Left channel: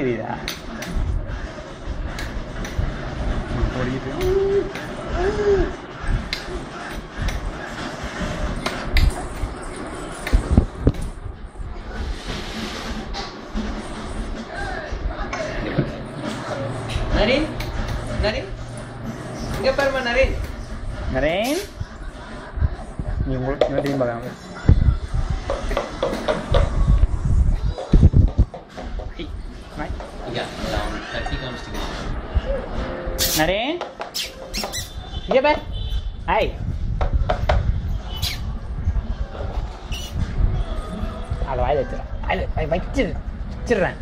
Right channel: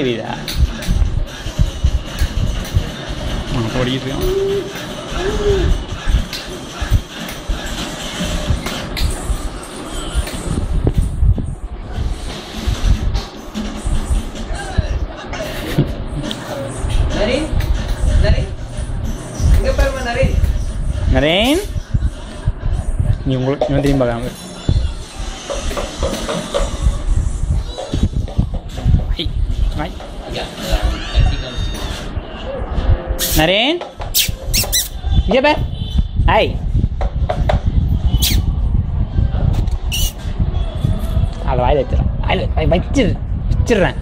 தெரியுதா ஓடிட்டு நரேன் நீ உங்களுக்கு இன்னும் திரும்பி பார்க்காம நரேன் இங்கே பார் ஹாய் அதை வாயில் வச்சிடறேன் வாயில் வச்சிடுறேன்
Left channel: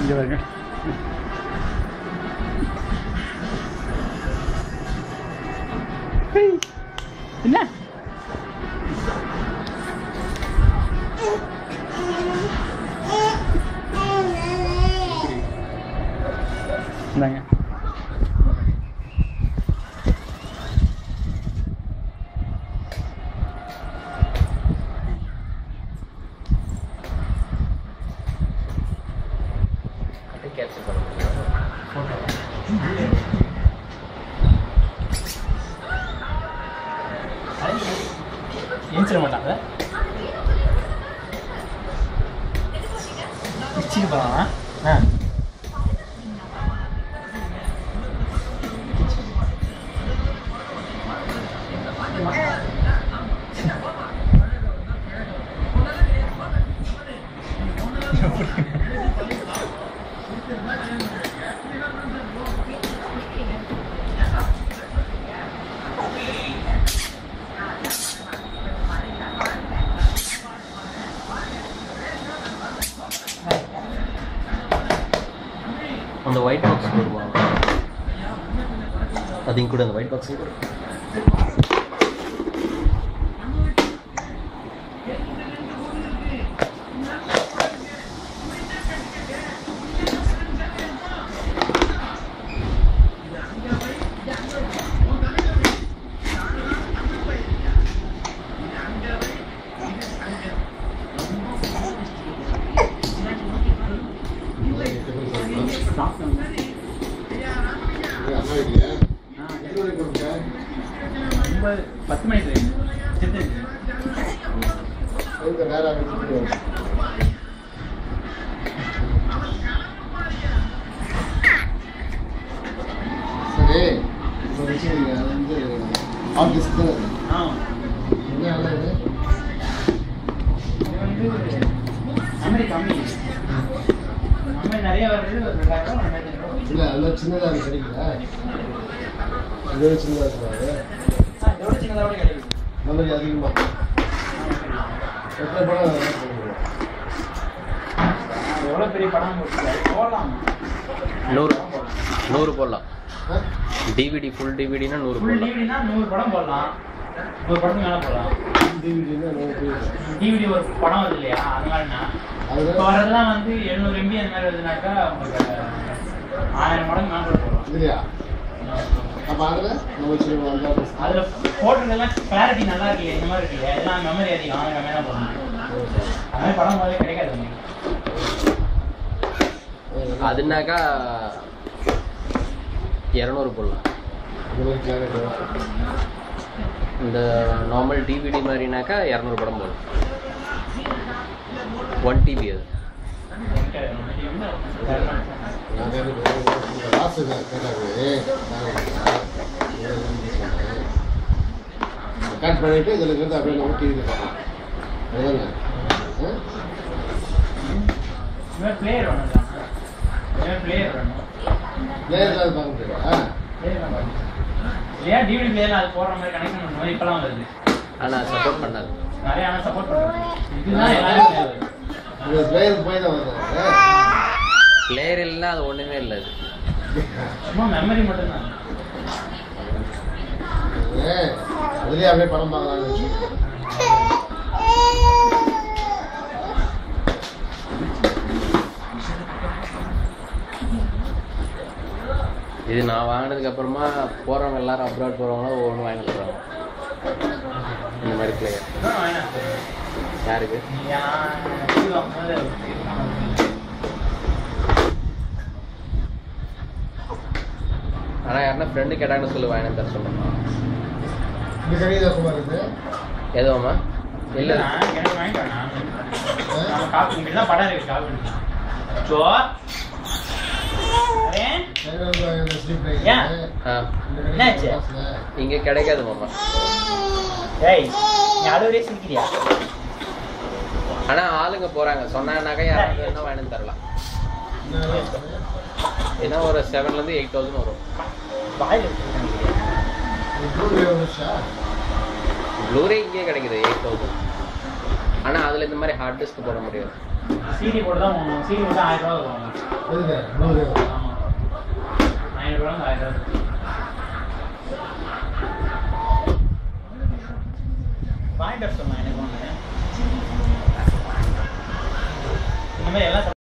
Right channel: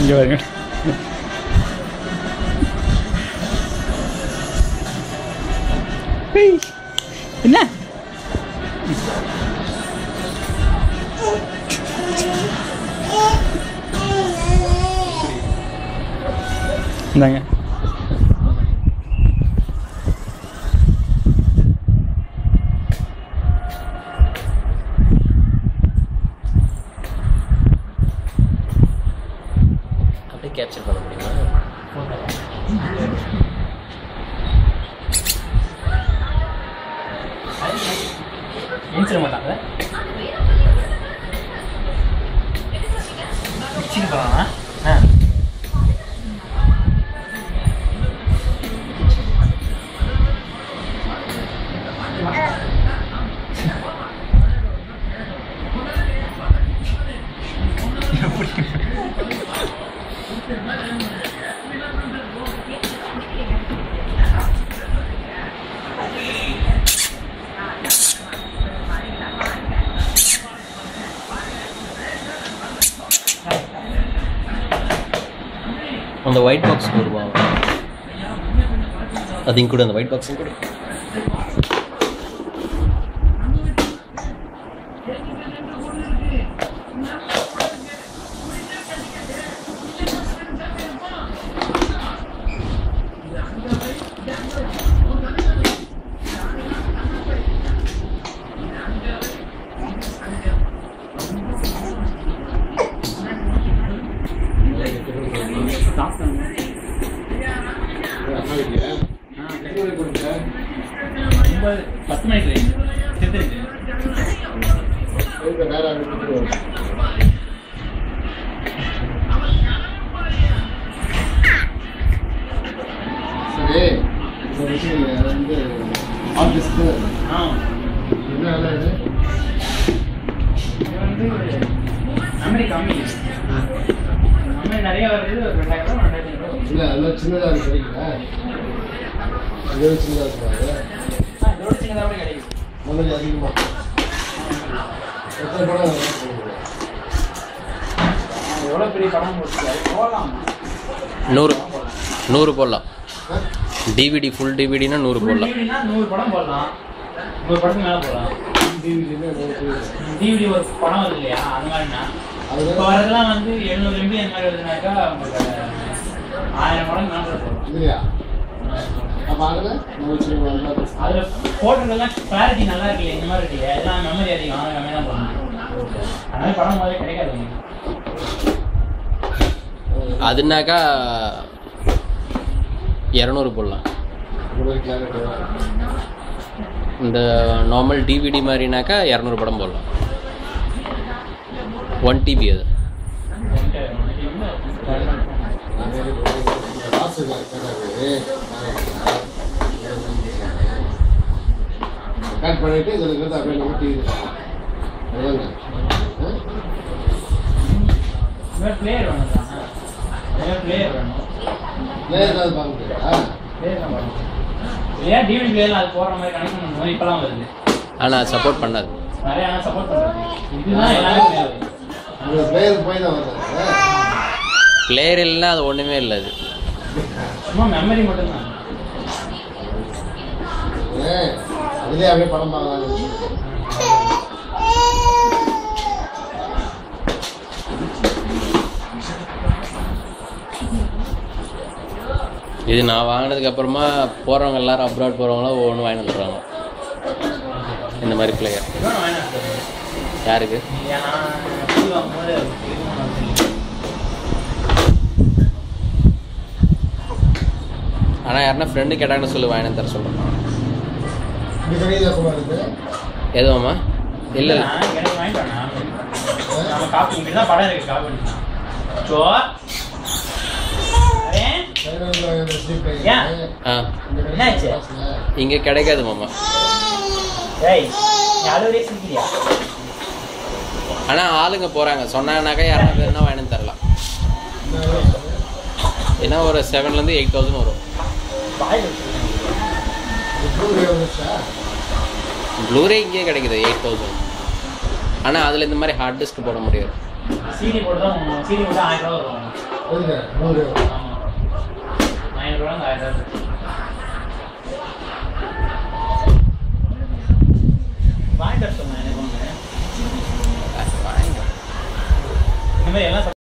இங்கே வருங்க என்ன இந்தாங்க கேப்சர் பண்ண முடியுமா ஏன்சிட மாட்டாங்க ஆ அந்த ஒயிட் பாக்ஸ் வருவா அதையும் கூட அந்த ஒயிட் பாக்ஸையும் கூட பத்து மணிக்கு சரி வந்து ஆஃபீஸ்க்கு என்ன வேலை இது அமெரிக்கா கம்மி நிறைய வருது ஒரு 2000 ரூபா இல்லை அதெல்லாம் சின்னதாக கிடைக்கல இதோட சின்னதாக இருக்காது இதோட சின்னதாக கூட கிடைக்கும் நல்லது அதிகமாக எத்தனை படம் எவ்வளோ பெரிய படம் போடலாம் 100 போடலாம் டிவிடி ஃபுல் டிவிடினா 100 போடலாம் 100 படம் போடலாம் 100 படத்துக்கு மேலே போடலாம் டிவிடி ஒரு படம் வருது இல்லையா அது மாதிரினா இப்போ வரதெல்லாம் வந்து 700 MB அந்த மாதிரி வருதுனாக்கா உங்களுக்கு 1000 படம் மேலே போடலாம் இல்லையா அப்போ அதில் நம்ம நல்லா அதில் போட்டதெல்லாம் கிளாரிட்டி நல்லா இருக்கு இந்த மாதிரி இருக்கு எல்லாம் மெமரி அதிகம் ஆனால் கம்மியாக தான் போடணும் அந்த மாதிரி படம் முதல்ல கிடைக்காது உங்களுக்கு அதுனாக்கா 200 போடலாம் இந்த நார்மல் டிவிடி மாதிரினாக்கா 200 படம் போடலாம் 1 TB அது கட் பண்ணிட்டு இதில் இருக்கிறது அப்படியே நம்ம டிவியில் பார்க்கலாம் அதுதாங்க பிளேயர் வேணும் பிளேயர் வேணும் பிளேயர் அது பார்க்க முடியாதா ஏன் டிவிடி பிளேயர்ல அது போடுற மாதிரி கனெக்ஷன் பண்ணுவோம் இப்பெல்லாம் வருது ஆனால் சப்போர்ட் பண்ணாது நிறைய ஆனால் சப்போர்ட் பண்ணுறது இதுதான் எல்லாமே அந்த பிளேயர் போய் தான் வருது பிளேயர் இல்லைன்னா அது ஒன்றுமே இல்லை அது சும்மா மெமரி மட்டும்தான் அதுலேயே அப்படியே படம் பார்க்கலாம்னு இது நான் வாங்கினதுக்கப்புறமா போகிறவங்க எல்லாரும் அப்ராட் போகிறவங்களாம் ஒவ்வொன்று வாங்கி வந்துடுறாங்க இந்த மாதிரி பிளேயர். யாருக்கு? ஆனால் யாருன்னா ஃப்ரெண்டு கேட்டாங்கன்னு சொல்லி வாங்கி தர சொல்கிறேன். எதுவாம்மா? இல்லை படம் இருக்கு இங்கே கிடைக்காது மாமா. ஆனால் ஆளுங்க போகிறாங்க சொன்னாங்கனாக்கா யாராவது என்ன வாங்கி தரலாம். ஏன்னா ஒரு 7,000 to 8,000 வரும். ப்ளூரே இங்கே கிடைக்குது 8,000. ஆனால் அதில் இந்த மாதிரி ஹார்ட் டிஸ்க் போட முடியாது. CD போட்டு தான் 1000 ரூபா வரும். ஆமாம் 900 ரூபா 1000 ரூபா. வாங்கிட்டு சொன்னேன் எனக்கு ஒன்று இந்த மாதிரி எல்லாம்